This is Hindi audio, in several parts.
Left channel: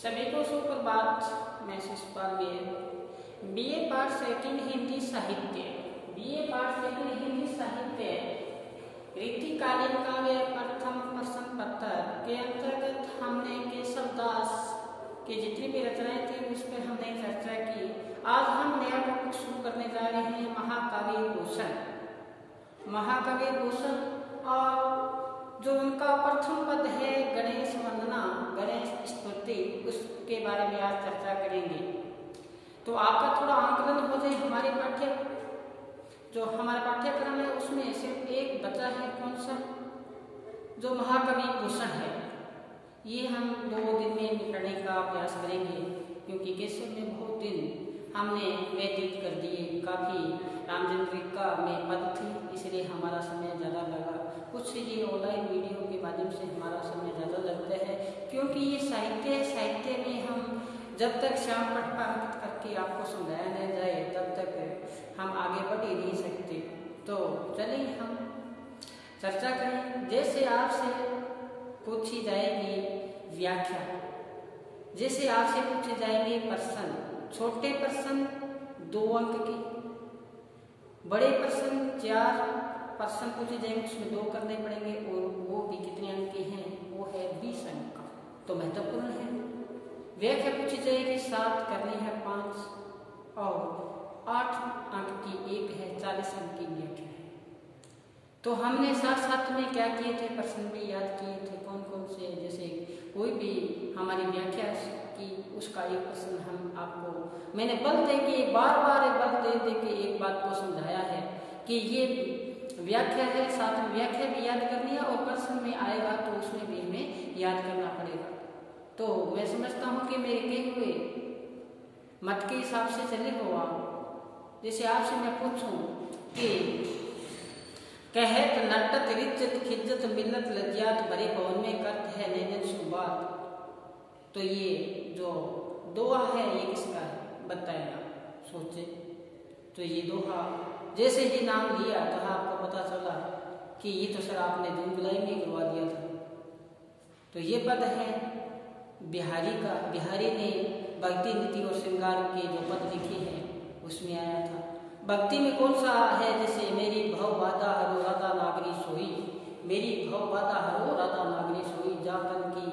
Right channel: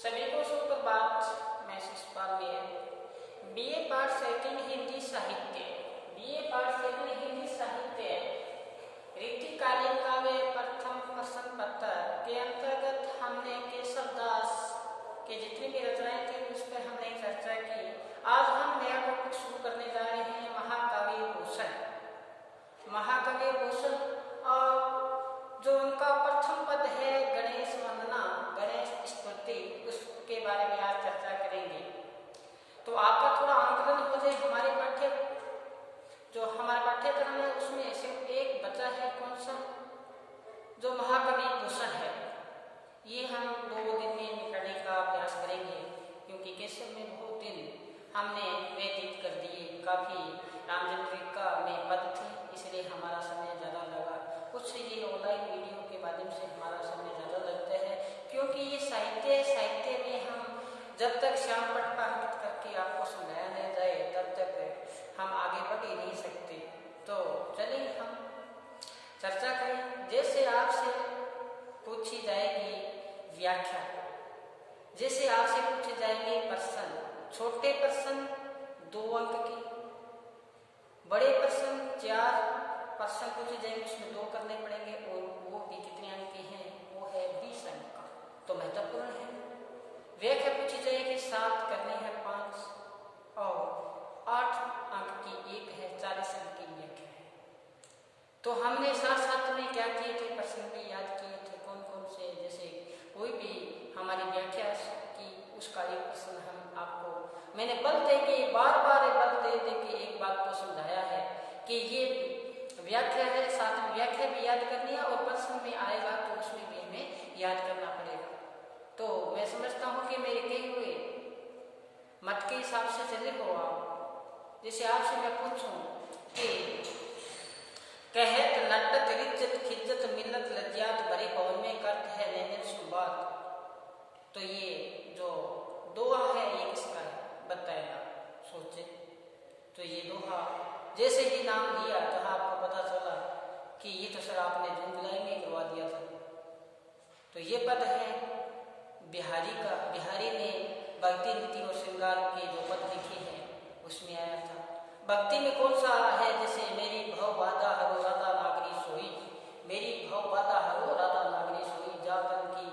सभी को सुप्रभात। मैं शिषपाल बीए पाठ सेकंड हिंदी साहित्य रीतिकालीन काव्य प्रथम प्रश्न पत्र के अंतर्गत हमने केशवदास के जितनी भी रचनाएं थी उस पर हमने चर्चा की। आज हम नया टॉपिक शुरू करने जा रहे हैं महाकवि भूषण और जो उनका प्रथम पद है गणेश वंदना, गणेश स्तुति, उसके बारे में आज चर्चा करेंगे। तो आपका थोड़ा आंकलन हो जाए। हमारा पाठ्यक्रम है उसमें सिर्फ एक बचा है, कौन सा? जो महाकवि भूषण है। ये हम 2 दिन में निपटने का अभ्यास करेंगे, क्योंकि केशव में बहुत दिन हमने व्यतीत कर दिए। काफी रामचंद्रिका में पद थी, इसलिए हमारा समय ज़्यादा लगा। कुछ ये ऑनलाइन वीडियो के माध्यम से हमारा समय ज़्यादा लगता है, क्योंकि ये साहित्य में हम जब तक श्याम पट पाठित करके आपको समझाया नहीं जाए तब तक हम आगे बढ़ ही नहीं सकते। तो चलिए हम चर्चा करें। जैसे आपसे पूछी जाएगी व्याख्या, जैसे आपसे पूछे जाएंगे प्रश्न, छोटे प्रश्न 2 अंक के, बड़े प्रश्न 4 प्रश्न पूछे जाएंगे, उसमें 2 करने पड़ेंगे और वो भी कितने अंक के हैं? वो है 20 अंक का, तो महत्वपूर्ण है। व्याख्या पूछी जाएगी 7 करनी है 5 और 8 अंक की 1 है, 40 अंक की व्याख्या है। तो हमने साथ में क्या किए थे, प्रश्न भी याद किए थे कौन कौन से। जैसे कोई भी हमारी व्याख्या की उसका एक प्रश्न हम आपको मैंने बार बल दे के एक बात को समझाया है कि ये व्याख्या है, साथ में व्याख्या भी याद करनी है और प्रश्न में आएगा तो उसमें भी हमें याद करना पड़ेगा। तो मैं समझता हूँ कि मेरे कहे हुए मत के हिसाब से चले हो आप। जैसे आपसे मैं पूछूं कि कहत नटत रिज्जत खिज्जत मिल्लत लज्जात भरे भवन में करत है नैनन सुबात, तो ये जो दोहा है ये किसका है बताएगा, सोचे। तो ये दोहा जैसे ही नाम लिया तो आपको पता चला कि ये तो सर आपने जून जुलाई में करवा दिया था। तो ये पद है बिहारी का। बिहारी ने भक्ति नीति और श्रृंगार के जो पद लिखे हैं उसमें आया था। भक्ति में कौन सा है? जैसे मेरी भव बाधा हरो राधा नागरी सोई, मेरी भव बाधा हरो राधा नागरी सोई, जातन की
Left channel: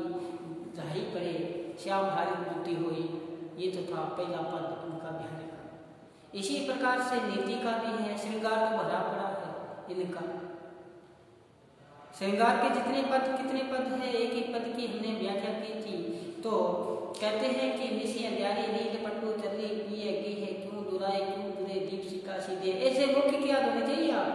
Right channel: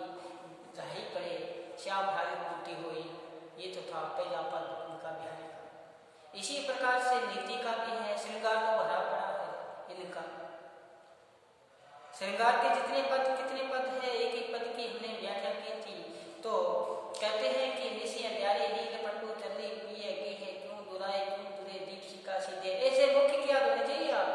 जाही पड़े श्याम हारी मूर्ति होई। ये तो था पहला पद उनका बिहारी का। इसी प्रकार से नीति का भी है, श्रृंगार तो भरा पड़ा है इनका। श्रृंगार के कितने पद है, एक पद की हमने व्याख्या की थी। तो कहते हैं कि निशी अंधियारी नींद पट्टू चली पिए गी है, क्यों दुराए क्यों दुरे दीप सिक्का सीधे। ऐसे मुख्य क्या होने चाहिए आप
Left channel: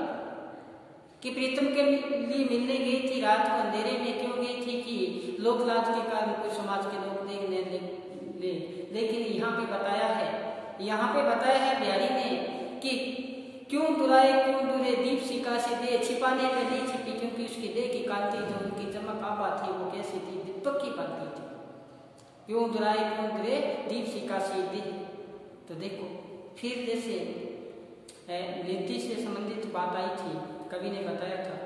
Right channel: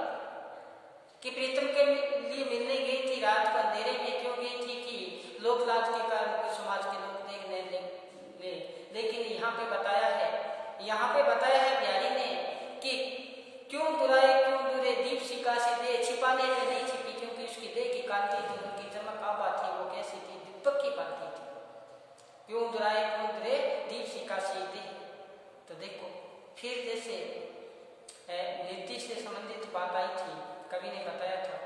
कि प्रीतम के लिए मिलने गई थी, रात को अंधेरे में क्यों गई थी कि लोक लाज के कारण कुछ समाज के लोग देखने ले। लेकिन यहाँ पे बताया है बिहारी ने कि क्यों दुराए क्यों दुरे दीप सिक्का सीधे, छिपाने पे नहीं छिपी, क्योंकि उसकी देह की कांति जो उनकी चमक आभा थी वो कैसी थी, दीपक की बनती थी। क्यों दुराए क्यों दुरे दीप सिक्का सीधे। तो देखो फिर जैसे निधि से संबंधित बात आई थी, कवि ने बताया था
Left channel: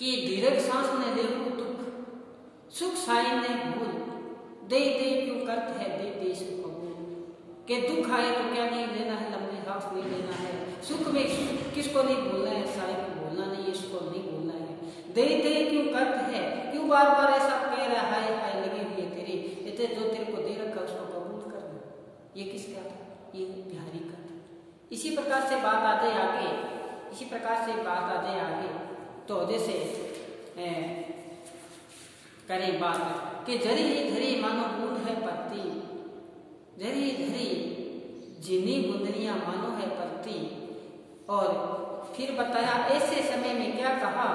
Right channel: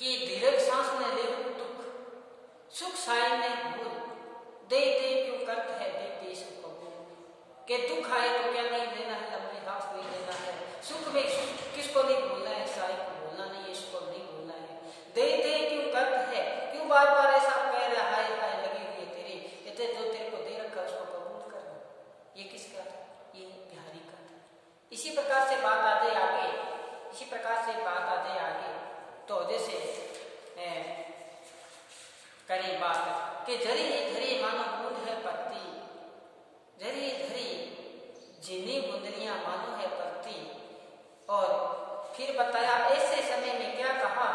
कि दीर्घ सांस ने लेहु दुख, सुख साई ने भूल, दे क्यों करत है दे सुख कबूल। के दुख आए तो क्या नहीं लेना है, लंबी सांस नहीं लेना है। सुख में किसको नहीं भूलना है, साई को भूलना नहीं है, इसको नहीं भूलना है। दे क्यों करत है, क्यों बार बार ऐसा कह रहा है हाय लगी हुई है तेरी, इतने जो तेरे को दे रखा उसको कबूल करना। ये किसका था? ये बिहारी का था। इसी प्रकार से बात आ जाए आगे। तो जैसे करें बात कि झरी झरी मानो बूंद है पत्ती, झरी झरी जिन्नी बूंदनियां मानो है पत्ती। और फिर बताया ऐसे समय में क्या कहा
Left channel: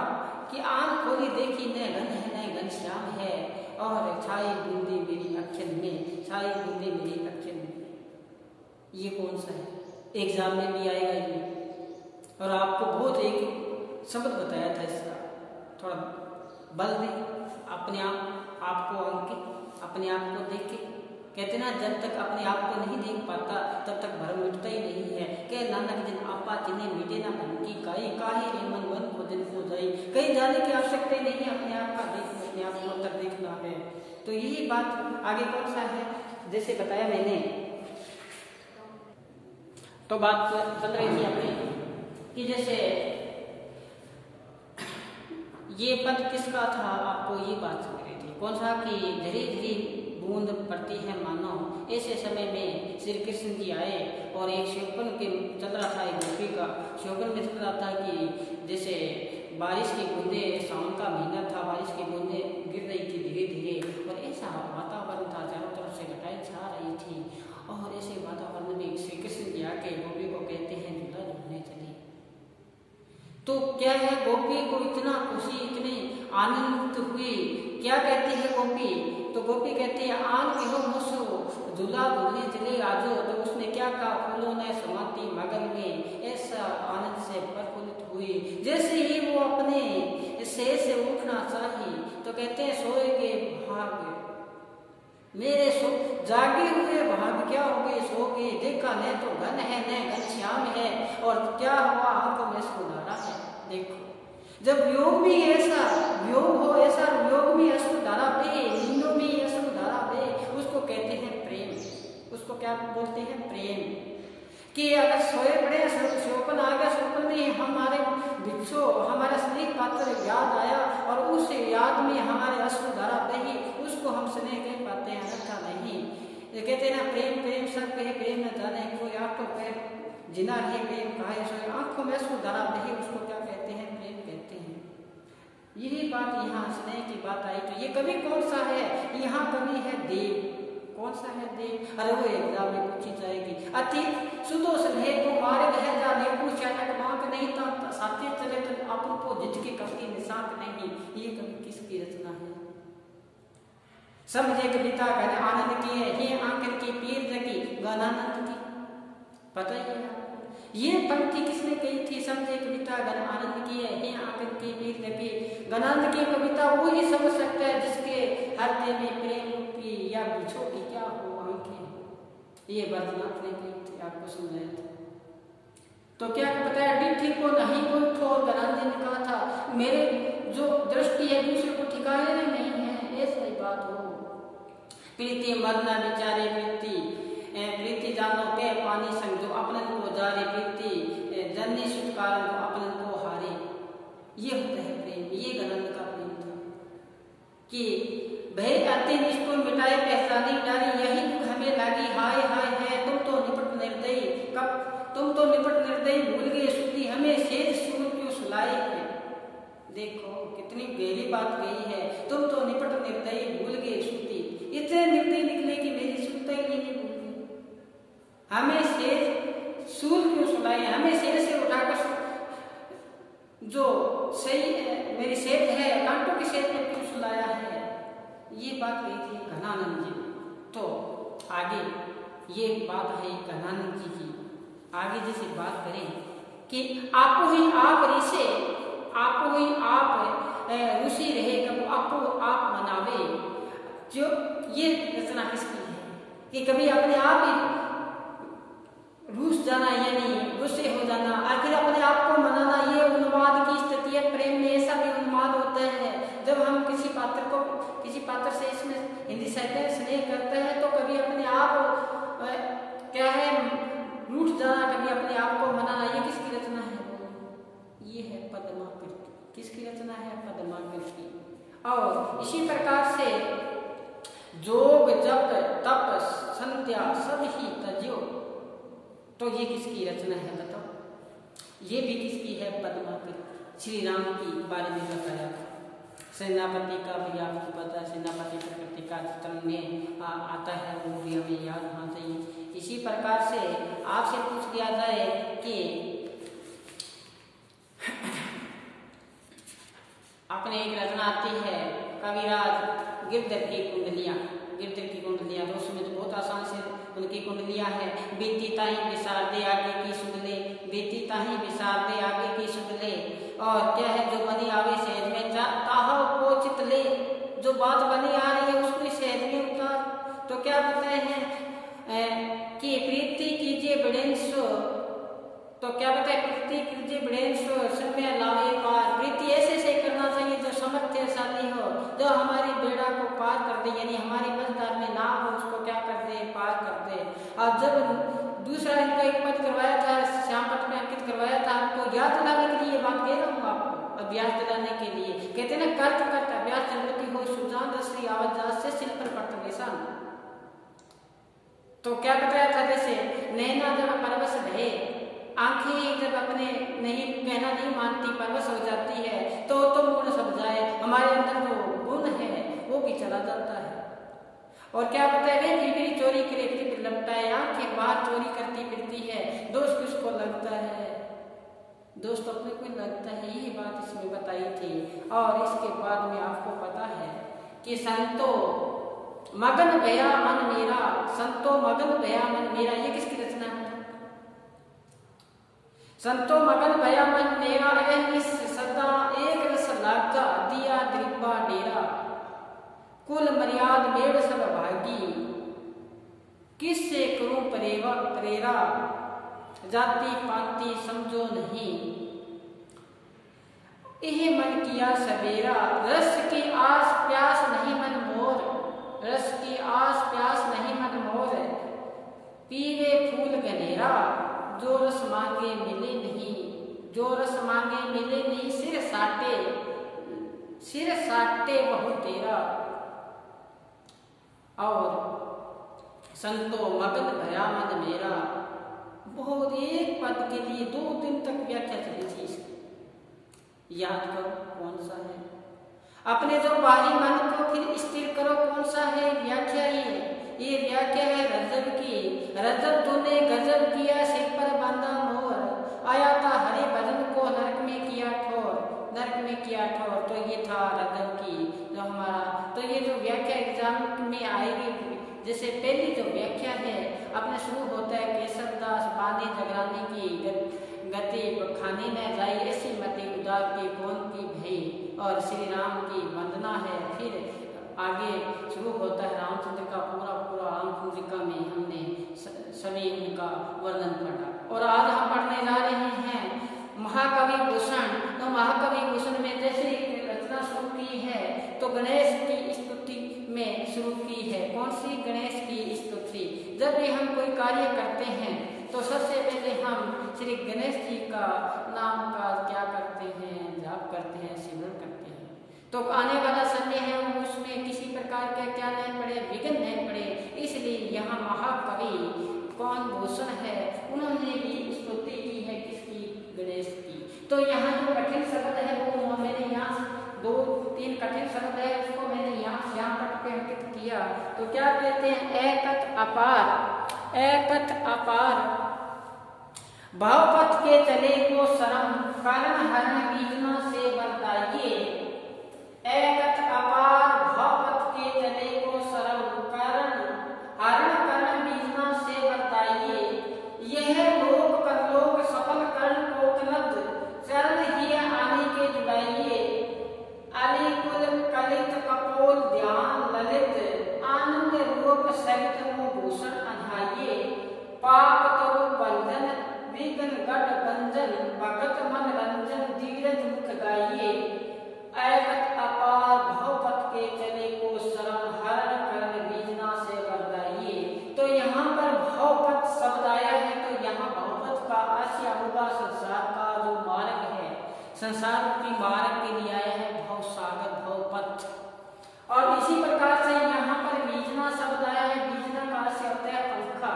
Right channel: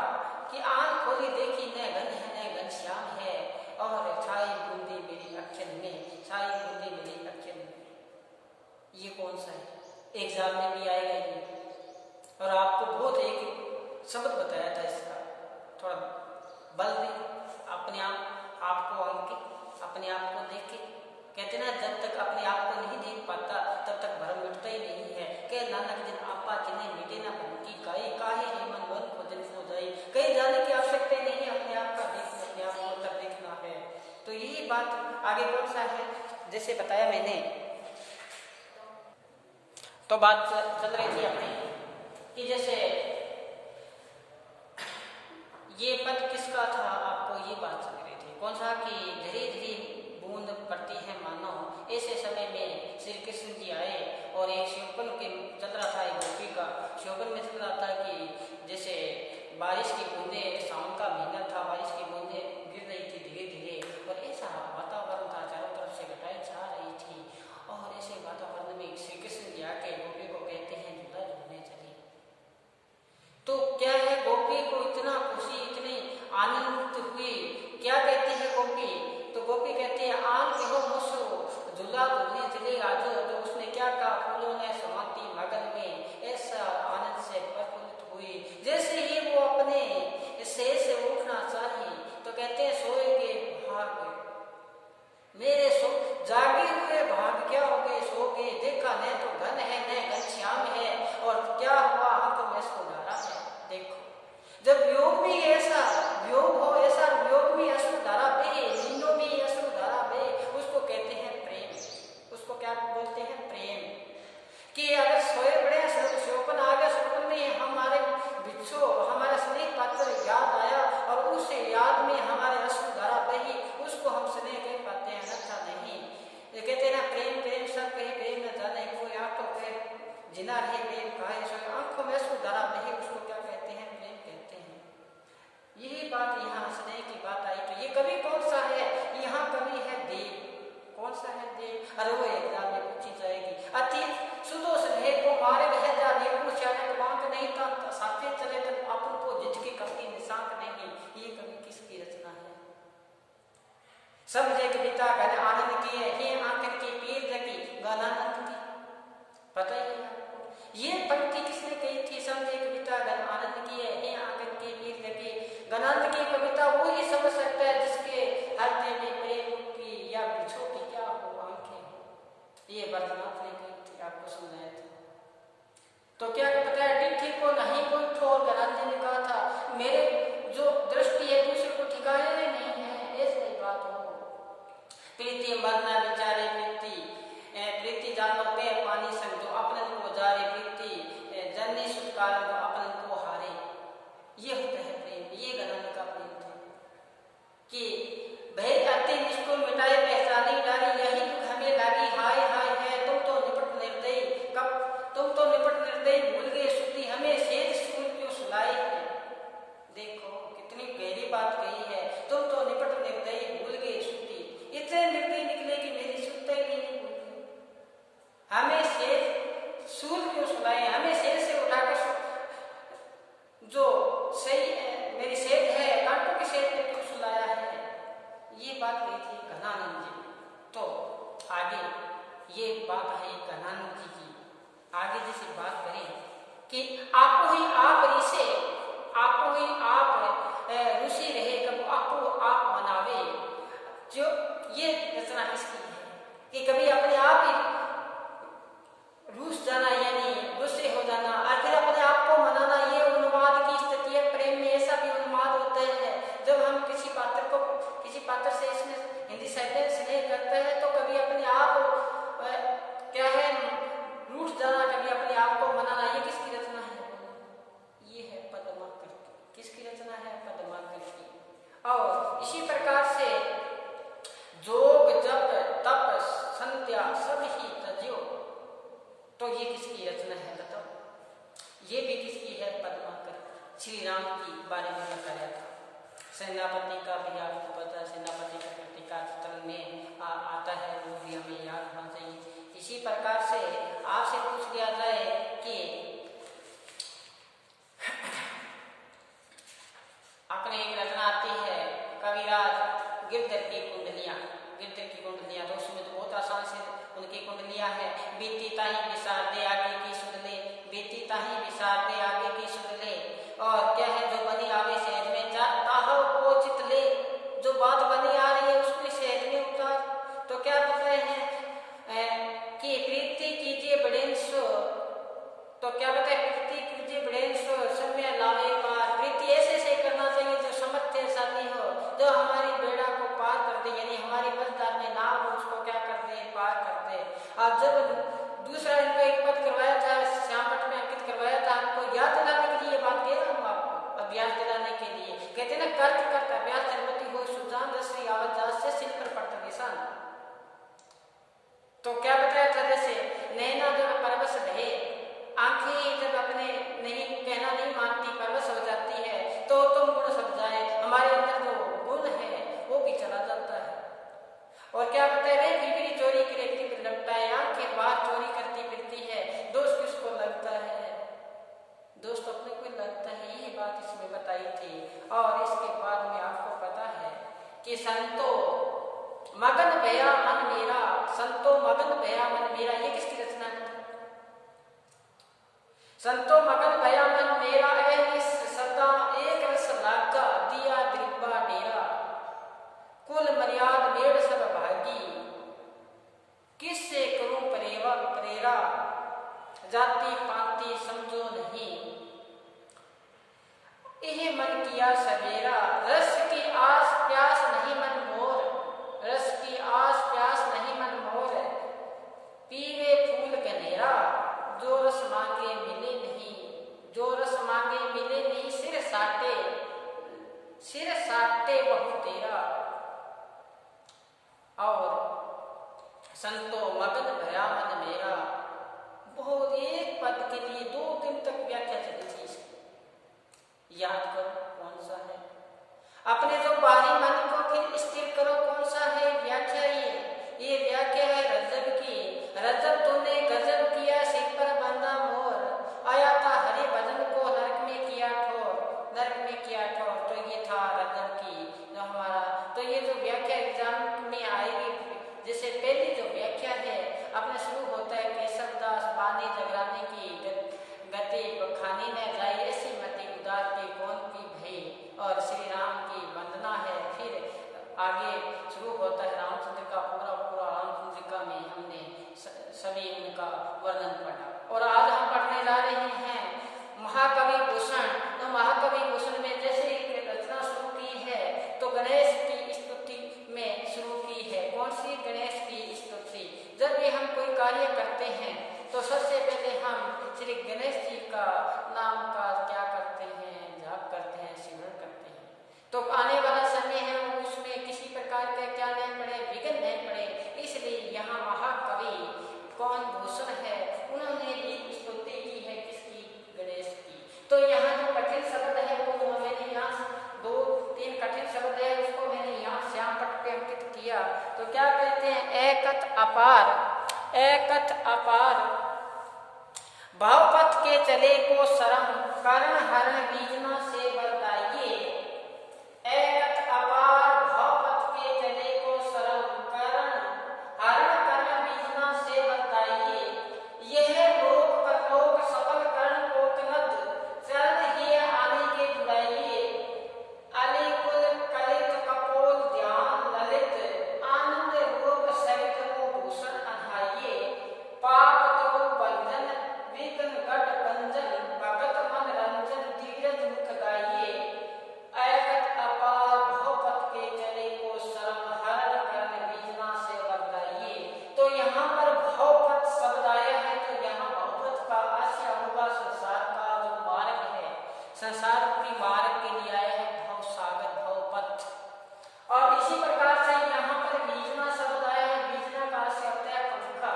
कि आंख खोली देखी न घन है न घनश्याम है, और छाई बूंदी मेरी अखियन में। ये कौन सा है? एग्जाम में भी आएगा ये। और आपको बहुत एक शब्द बताया था इसका, थोड़ा बल दे अपने आप आपको अंक अपने आप को देख के कहते ना, जब तक अपने आप को नहीं देख पाता तब तक भरम मिटता ही नहीं है। कह नानक जिन आपा जिन्हें मिटे ना भरम की काई, काहे रे मन वन को दिन को जाई। कहीं जाने की आवश्यकता नहीं है, अपने आप का देखना, अपने आप को अंदर देखना है। तो यही बात आगे कौन सा है, जैसे बताया मैंने, तो बात चल रही थी अपनी कि जैसे ये पद किसका था, आपको ये बात चल रही थी कौन सा, कि धीरे धीरे बूंद पड़ती है मानो। ऐसे समय में श्री कृष्ण जी आए और एक श्योपन के चल रहा था, एक गोपी का श्योपन में चल रहा था कि जैसे बारिश की बूंदे, सावन का महीना था, बारिश की बूंदे गिर रही थी धीरे धीरे, और ऐसा वातावरण था, चारों तरफ से घटाएं छा रही थी। और ऐसे वातावरण में श्री कृष्ण जी आके गोपी को कहते हैं झूला झूलने चली। तो क्या है, गोपी को इतना खुशी, इतनी आनंदित हुई, क्या कहती है गोपी, तो गोपी कहती है आन कहो मोसो झूला झूलने चले आजो। तो उसने क्या कहा, फूलों ने समाती मगन में, ऐसा आनंद से प्रफुल्लित हुई। जैसे ही वो अपने शयन से उठना चाहिए तो कहते हैं सोए के भाग मेरे सो जागे हुए भाग क्या हो गए, सो गए, देखा न तो घन है न घनश्याम है, और क्या हुआ आंखों में सुधारा है। देखो जब योग में ऐसा योग हो, ऐसा योग में अश्रुधारा बहे, नींदों में अश्रुधारा बहे, उसको कहते हैं प्रेम। उसको क्या बोलते हैं, प्रेम। कि अगर सोए बड़े शोपन आ गया, शोपन में हमारे बिच्छो, हमारा स्नेह पात्र याद आया और उस याद में हमारे अश्रुधारा बही, उसको हम स्नेह कह पाते हैं, अच्छा नहीं। ये कहते हैं ना, प्रेम प्रेम सब कहे प्रेम न जाने, कोई आठों पैर जिना रहे प्रेम कहे सोए, आंखों में अश्रुधारा बही, उसको क्या कहते हैं, प्रेम कहते हैं। यही बात यहाँ स्नेह की बात आई। तो ये कवि कौन सा है, यहाँ कवि है देव। कौन सा है देव, अरे वो एग्जाम में पूछी जाएगी। अति सुदो स्नेह को मारे रह जाने को चानक बांक नहीं था, साथे चले तो अपन को जिजके कभी निशांक नहीं। ये कवि किसकी रचना है, समझे कविता घन आनंद की है, हे आंकन की पीर जगी गणानंद की। पता ही है ये पंक्ति किसने कही थी, समझे कविता घन आनंद की है, हे आंकन की पीर जगी गणानंद की। कविता वो ही समझ सकता है जिसके हृदय में प्रेम की या बिछो की क्या हो आंखें हो। ये बद्रीनाथ ने कही थी, आपको सुनाए थे। तो क्या बताया, डिठी को नहीं कोई ठोर, गणानंद जी ने कहा था मेरे जो दृष्टि है दूसरे को ठिकाने नहीं है, ऐसा ही बात हो। प्रीति मरना विचारे प्रीति जानो पे पानी संग, जो अपनन को जारे प्रीति जननी छुटकारा, जो अपनन को हारे। ये होता है प्रेम, ये गणानंद का प्रेम था कि भय अति निष्ठुर मिटाए पहचानी डारी, यही दुख हमें लागी हाय हाय है। तुम तो निपट निर्दयी कब, तुम तो निपट निर्दयी भूल गए शुद्धि, हमें सेज सूल क्यों सुलाए है। देखो कितनी गहरी बात कही है, तुम तो निपट निर्दयी भूल गए शुद्धि, इतने निर्दयी निकले कि मेरी शुद्धता ही नहीं भूल गई। हमें सेज सूल क्यों सुलाए, हमें सेज से उठाकर जो सही मेरी सेज है कांटों की सेज में क्यों सुलाया है। ये बात कही थी घनानंद जी। तो आगे ये बात है घनानंद जी की। आगे जैसे बात करें कि आपो ही आप ऋषि, आपो ही आप ऋषि रहे, कभी आपो आप मनावे। जो ये रचना किसकी है कि कभी अपने आप ही रूस जाना यानी गुस्से हो जाना और फिर अपने आप को मनाना, ये उन्माद की स्थिति है। प्रेम में ऐसा भी उन्माद होता है जब हम किसी पात्र से इसमें हिंदी साहित्य में स्नेह करते हैं तो कभी अपने आप क्या है रूठ जाना, कभी अपने आप को मनाना। ये किसकी रचना है, ये है पद्माकर की। किसकी रचना है, पद्माकर की। और इसी प्रकार से जोग जप तप संध्या सब ही तज्यो, तो ये किसकी रचना है बताओ, ये भी किसकी है, पद्माकर। श्री राम की बारे में बताया था। सेनापति का भी आपको पता है, सेनापति प्रकृति का चित्रण में आता है, वो भी हमें याद होना चाहिए। इसी प्रकार से आपसे पूछ दिया जाए कि अपने एक रचना आती है कविराज गिरधर की कुंडलियां। गिरधर की कुंडलियां तो उसमें तो बहुत आसान से उनकी कुंडलियां हैं। बीती ताही विसार दे आगे की सुन ले, बीती ताही विसार दे आगे की सुन ले। और क्या है, जो बनी आवे सहज में ताहव को चित ले, जो बात बनी आ रही है उसको सहज में उतार। तो क्या बताए हैं कि प्रीति कीजिए बड़ेंसो, तो क्या बताए प्रीति कीजिए बड़ेंसो समय लावे पार। प्रीति ऐसे से करना चाहिए जो सामर्थ्यशाली हो, जो हमारी बेड़ा को पार कर दे, यानी हमारी मझधार में नाव हो उसको क्या कर दे, पार कर दे। और जब दूसरा इनका एक पद करवाया था, श्याम पट में अंकित करवाया था, आपको याद दिलाने के लिए बात कह रहा हूँ, आपको अभ्यास दिलाने के लिए। कहते ना कर्त कर्त अभ्यास जन्मति हो सुजान रश्री आवाज से सिल पर पड़ता निशान। तो क्या बताया था, जैसे नैना जब परवश भे, आंखें जब अपने नहीं कहना नहीं मानती, परवश हो जाती है, तो तुम गुण सब जाए, हमारे अंदर जो गुण है वो भी चला जाता है। और क्या बताया, वे फिक्री चोरी करे लपटाए, आंखें बाहर चोरी करती फिरती है, दोस्त किसको लगता है, दोस्त अपने को लगता है। यही बात इसमें बताई थी। और इसके बाद में आपको पता है कि संतो मगन भया मन मेरा, संतो मगन भया मन मेरा, ये किसकी रचना है? संतो मगन भया मन मेरा, सदा एक रस लागा, दिया गरीबा डेरा, कुल मर्याद मेड़ सब भागी, किससे करूं प्रेरा, जाति पाति समझो नहीं, यह मन किया सवेरा, रस की आस प्यास नहीं मन मोर, रस की आस प्यास नहीं मन मोर, पीवे फूल गनेरा, जो रस मांगे मिले नहीं, जो रस मांगे मिले नहीं, सिर साटे बहु तेरा। और संतो मगन भया मन मेरा, बहुत एक पद के लिए 2 दिन तक व्याख्या चली थी इसकी। याद करो कौन सा है, अपने जो बाहरी मन को फिर स्थिर करो, कौन सा है व्याख्या, ये व्याख्या है रजब की। रजब तूने गजब किया, सिर पर बांधा मोर, आया था हरे भजन को नरक में किया ठोर, नरक में किया ठोर। तो ये था रजब की जो हमारा, तो ये जो व्याख्या एग्जाम में आएगी, जैसे पहली जो व्याख्या है अपने शुरू होता है, केशवदास बानी जगरानी की गति खानी न जाई, ऐसी मति उदार की कौन की भई, और श्री राम की वंदना है। फिर आगे शुरू होता है रामचंद्र का पूरा रामचंद्रिका में हमने सभी उनका वर्णन पढ़ा। और आज हम पढ़ने जा रहे हैं महाकवि भूषण। तो महाकवि भूषण में जैसे एक रचना शुरू की है तो गणेश की स्तुति में शुरू की है। कौन सी? गणेश की स्तुति। जब भी हम कोई कार्य करते हैं तो सबसे पहले हम श्री गणेश जी का नाम का क्या करते हैं, जाप करते हैं, सिमरण करते हैं। तो आने वाला समय है उसमें किसी प्रकार का क्या नहीं पड़े, विघ्न नहीं पड़े, इसलिए यहाँ महाकवि कौन भूषण है उन्होंने भी स्तुति की है किसकी? गणेश की। तो यहाँ जो कठिन शब्द है वो मैंने यहाँ 2-3 कठिन शब्द है उसको मैंने यहाँ श्याम पट पे अंकित किया। तो क्या कहते हैं? एकत अपार, एकत अपार, भावपथ के चले को शरम, कारण हरण बीजना से बरताइए। एकत अपार भावपथ के चले को शरम, कारण हरण करण बीजना से बरताइए। यह लोक परलोक सफल करण को कनद, चरण ही आने के जुड़ाइए। अलिकुल कलित कपोल ध्यान ललित, आनंद रूप सहित भूषण अधाइए। पाप तो बंधन विघ्न गढ़ बंजन, भगत मन रंजन धीरज मुख गाइए। एकत अपार भवपथ के चले को शरण, हरण करण बीजना से बरताइए। तो यहाँ पर भवपथ शब्द आया है तो यहाँ भवपथ का आशय होगा संसार का जो मार्ग है, संसार की मार्ग के लिए आया है भव सागर भवपथ। और इसी प्रकार से यहाँ पर बीजना शब्द आया है, बीजना का आशय होता है पंखा।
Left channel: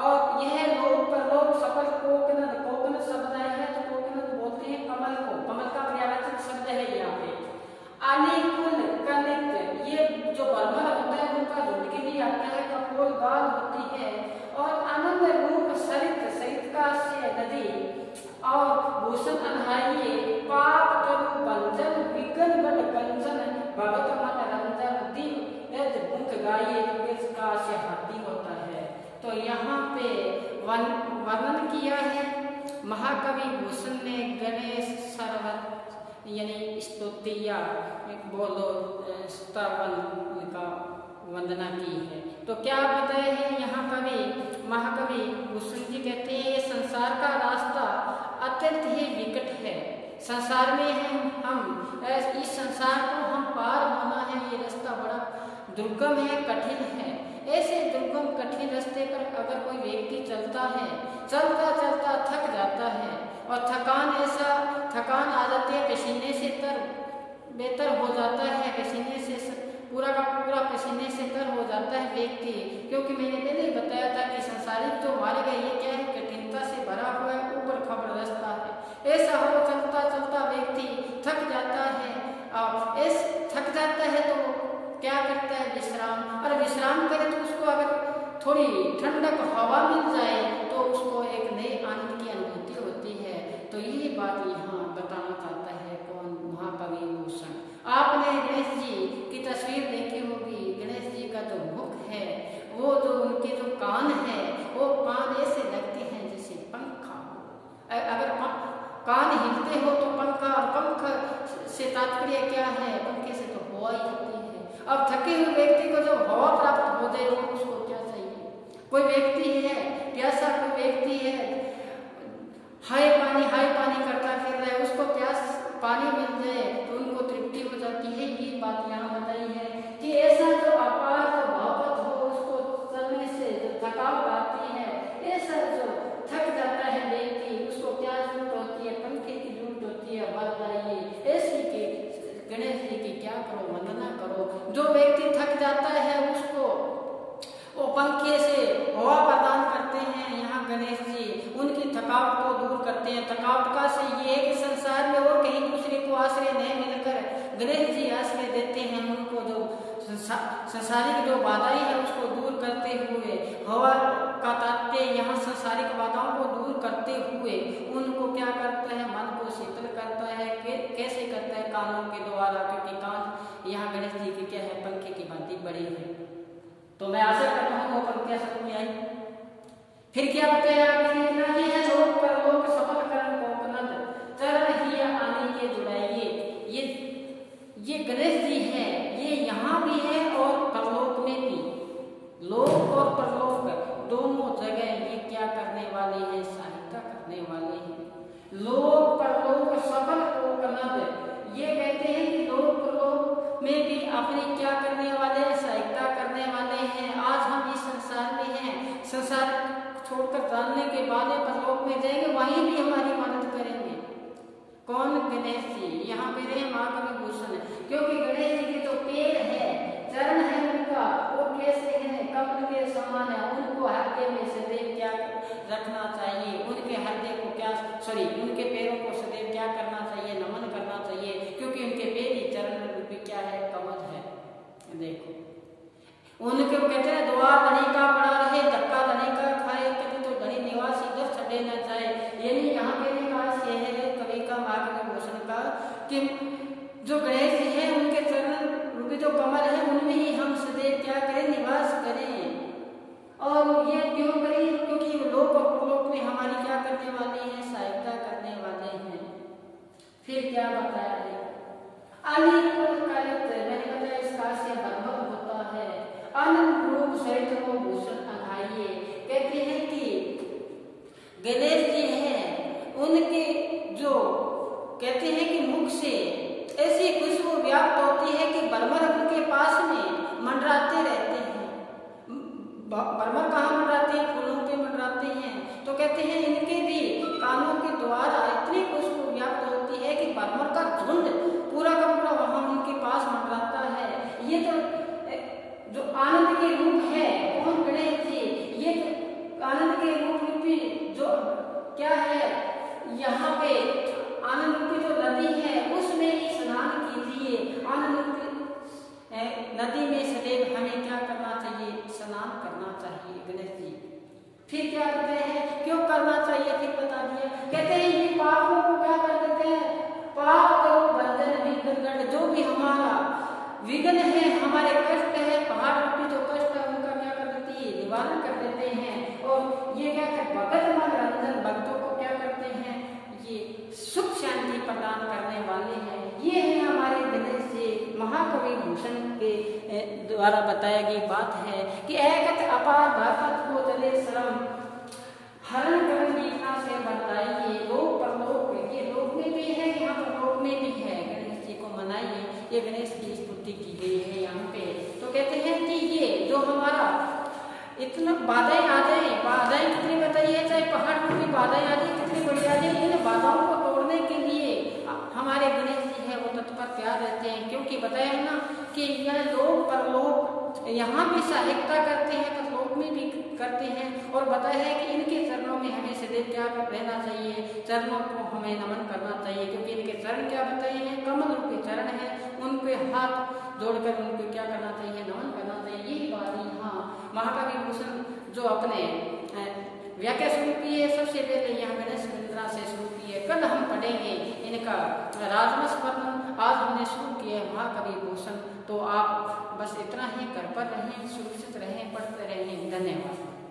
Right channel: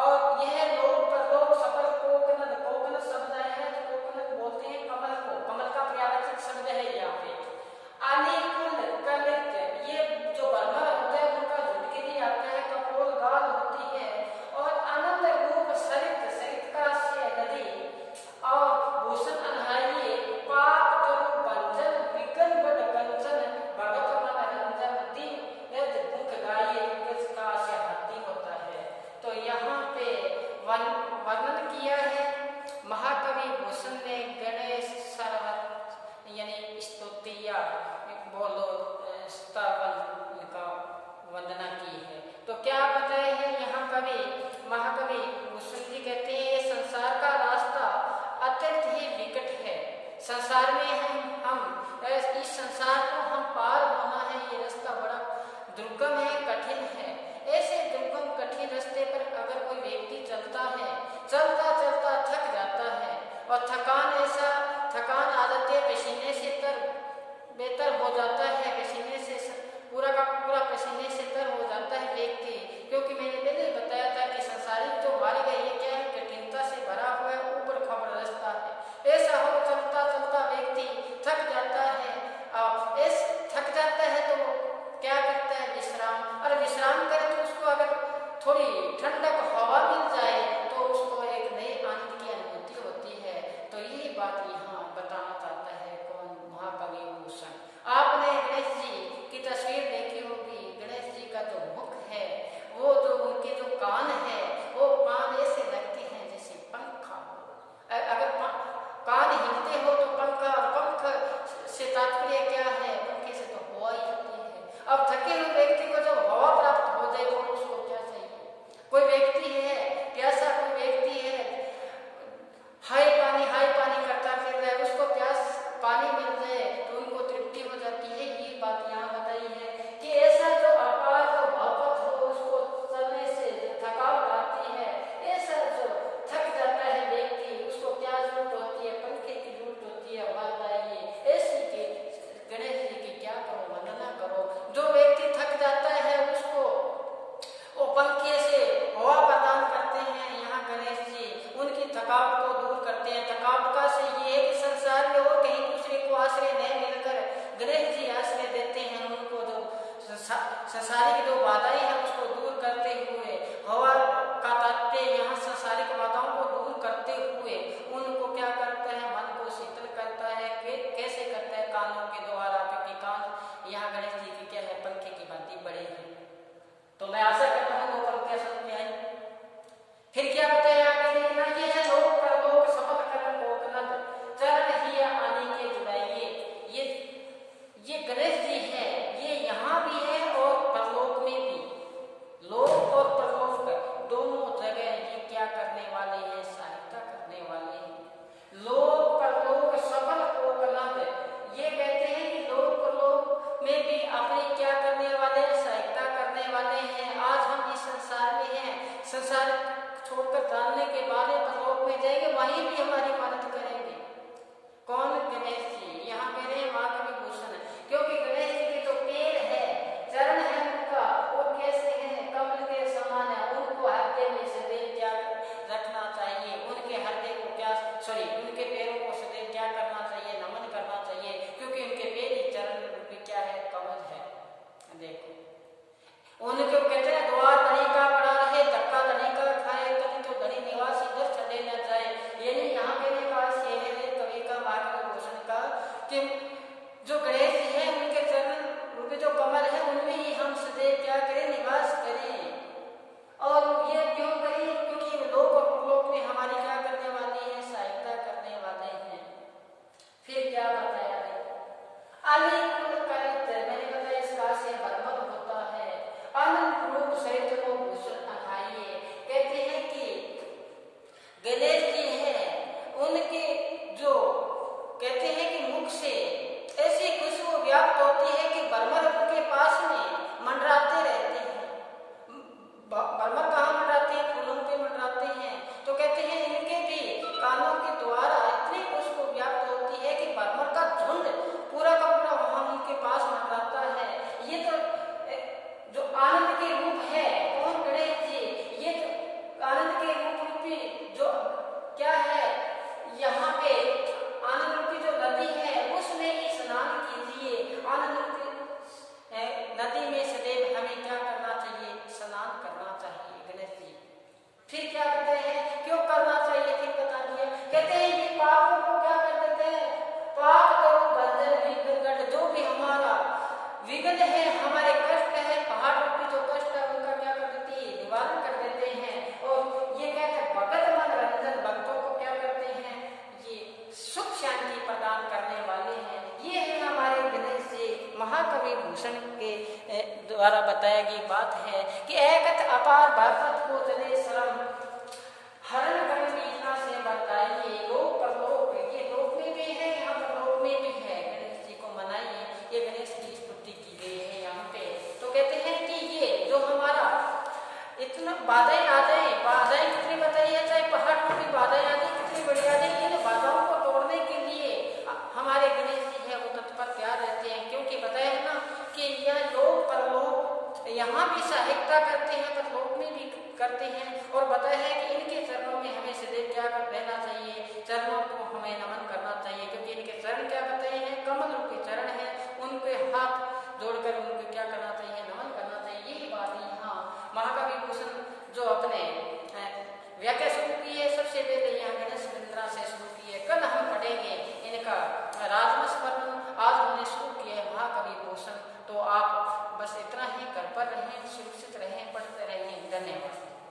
और यह लोक परलोक सफल कोकनद, कोकनद शब्द आया है तो कोकनद बोलते हैं कमल को, कमल का पर्यावाचक शब्द है यहाँ पे। अनिकुल कलित, ये जो बर्मल होता है उनका झुंड के लिए आता है, कपोल गाल होती है। और आनंद रूप सरित, सरित का आशय नदी। और भूषण अनहाइए, पाप तरु बंजन विघ्न गढ़ गंजन, भगत मन रंजन दिन यज मुख गाइए। इसका आशय हाथी होता है। तो यहाँ पे वर्णन किया है महाकवि भूषण ने गणेश सर्व यानी स्तुति या बोलो स्तवन का वंदना की है। तो क्या बताए हैं यहाँ कवि महाकवि भूषण जी कहते हैं, ये संसार का रास्ता अत्यंत ही विकट है। संसार में हम इस संसार को हम पार होना है, ये रास्ता बड़ा दुर्गम है, कठिन है। ऐसे दुर्गम कठिन रास्ते पर अगर कोई व्यक्ति चलता है, चलता चलता थक जाता है और थकान आ जाती है, पसीने से बेहतर हो जाता है, पसीने से पूरा का पूरा पसीने से तर हो जाता है व्यक्ति। क्योंकि मैंने पहले बताया था कि संसारिक जो मार्ग है ये क्या है, कठिनता से भरा हुआ है, ऊपर खबर रास्ता है। ऐसा हो चलता चलता व्यक्ति थक जाता है और थक जाता है तो क्या करता है, विश्राम। और विश्राम करे तो उसको अगर थोड़ी ठंडक हवा मिल जाए तो उसको एक नई आनंद की अनुभूति होती है। तो यही बात यहाँ बताना चाहता है कौन, महाकवि भूषण। आपने गणेश जी की तस्वीर देखी होगी। गणेश जी का जो मुख है, वो जो उनके जो कान है, वो कान ऐसे लगते हैं जैसे पंखा हो। अगर कान हिलते हो तो पंखा, और पंख से तात्पर्य क्या है, पंखे से तो हवा ही होती है। अब थके हुए व्यक्ति को जब हवा प्राप्त हो जाए तो उसको क्या चाहिए। कोई व्यक्ति है प्यासा, कोई व्यक्ति है हाय पानी करता फिर रहा है, उसको प्यास पानी मिल जाए तो उनको तृप्ति हो जाती है। ये बात यहाँ बताई है कि ऐसा जो अपार जो भावत हो, उसको चलने से जो थकावट आती है, ऐसा जो थक जाता है व्यक्ति, उसको क्या जरूरत होती है, पंखे की जरूरत होती है, हवा चाहिए। ऐसी के गणेश जी की क्या करो, वंदना करो। जो व्यक्ति थक जाता है उसको वो पंखे से हवा प्रदान करते हैं। यहाँ गणेश जी उनकी थकावट को दूर करते हैं। थकावट का से ये है कि संसार में और कहीं दूसरे को आश्रय नहीं मिलकर गणेश जी आश्रय देते हैं। उनको जो संसारिक जो बाधाएं हैं उसको दूर करते हुए, हवा का तात्पर्य यहाँ संसारिक बाधाओं को दूर करते हुए उनको क्या करता है, मन को शीतल करता है। कैसे करता है, कानों के द्वारा, क्योंकि कान यहाँ गणेश जी की क्या है, पंखे की भांति बड़ी है। तो मैं आशा करता हूँ वो पंक्तियां समझ में आई। फिर क्या बताया आगे लिखना, ये है लोक परलोक सफल करण कोकनद चरण ही आने के जुड़ाइए। ये गणेश जी है, ये यहाँ भी है और परलोक में भी। लोक और परलोक दोनों जगह ये क्या करने वाले हैं, सहायता करने वाले हैं। लोक परलोक सफल कोकनद, ये कहते हैं कि लोक परलोक में भी अपने क्या करने वाले हैं, सहायता करने वाले हैं। आज हम इस संसार में हैं, संसार छोड़कर जानने के बाद परलोक में जाएंगे, वहीं भी हमारी मदद करेंगे। कौन, गणेश जी। यहाँ मेरे महाकवि भूषण, क्योंकि गणेश जी के जो पेड़ है, चरण है उनका, वो कैसे है, कमल के समान है। उनको हृदय में सदैव क्या रखना चाहिए, उनके हृदय को क्या, उनके पैरों को सदैव क्या करना चाहिए, नमन करना चाहिए, क्योंकि उनके पैर ही चरण रूपी क्या है, कमल है। देखो उनको कहते हैं द्वार धनी का पड़ा रहे, धक्का धनी का खाए, कभी तो धनी निवास इधर चले न जाए। यानी यहाँ कहने का शेर है कवि का, महाकवि भूषण का, कि जो गणेश जी है उनके चरण रूपी जो कमल है उनमें ही हम सदैव क्या करें, निवास करें। और ये क्यों करें, क्योंकि लोक और परलोक में हमारी क्या करने वाले हैं, सहायता करने वाले हैं। फिर क्या बताया है, अनिल मैंने बताया इसका से बर्मद होता है। अनंत रूप सहित वो भूषण अघाइए, कहते हैं कि गणेश जी हैं, उनके जो कहते हैं कि मुख से ऐसी खुशबू व्याप्त होती है कि बर्मर उनके पास में मंडराते रहते हैं। बर्मर कहाँ मंडराते हैं, फूलों पे मंडराते हैं। तो कहते हैं इनके भी कानों के द्वारा इतनी खुशबू व्याप्त होती है कि बर्मर का झुंड पूरा का पूरा वहां उनके पास मंडराता है। ये तो जो आनंद के रूप है, कौन, गणेश जी। ये तो आनंद के रूप रूपी जो क्या है, यहाँ पे आनंद रूपी जो नदी है उसमें ही स्नान कीजिए। आनंद रूपी नदी में सदैव हमें क्या करना चाहिए, स्नान करना चाहिए गणेश जी। फिर क्या कहते हैं, क्यों करना चाहिए, फिर बता दिया। कहते हैं ये पापों को क्या कर देते हैं, पाप करो बंधन विघ्न, जो भी हमारा विघ्न है, हमारे कष्ट है, पहाड़ रूपी जो कष्ट है उनका क्या कर देती है, निवारण कर देते हैं। और ये क्या कर भगत मन रंजन, भक्तों को क्या करते हैं, ये सुख शांति प्रदान करने वाले हैं। ये है हमारे गणेश जी महाकवि भूषण के द्वारा बताई गई बात है कि एकत अपार भागवत को चले शरम हरण कर मीठा से बताइए लोक परलोक, ये लोक में भी है यहाँ पर लोक में भी है। गणेश जी को मनाइए, ये गणेश की स्तुति की गई है यहाँ पे। तो कहते हैं कि ये जो हमारा इतना बाधाएं आ जाए, बाधाएं कितनी बताइए, चाहे पहाड़ पर भी बाधाएं आ जाए कितनी बड़ी आ जाए, इन बाधाओं को तोड़ने के लिए हमारे गणेश जी है वो तत्पर तैयार रहते हैं। क्योंकि बताया है ना कि यह लोक परलोक यहाँ भी सहायता करते हैं पर लोक में भी करते हैं। और बताया है कि इनके चरणों में हमें सदैव क्या रहना चाहिए, चरणों को हमें नमन करना चाहिए। क्योंकि इनके चरण क्या बताए हैं, कमल रूपी चरण है, उनके हाथ जोड़कर उनको क्या करना चाहिए, नमन करना चाहिए। यही बात यहाँ महाकवि भूषण जो अपने व्याख्या शुरू की है, सबसे पहले यहाँ गणेश वृंदरा से शुरू की है। कल हम पढ़ेंगे इनका राजवंश वर्णन, आज हमने शुरू किया है महाकवि भूषण। तो आप बस इतना ही कर पर रहें, सुरक्षित रहें, पढ़ते रहें। धन्यवाद।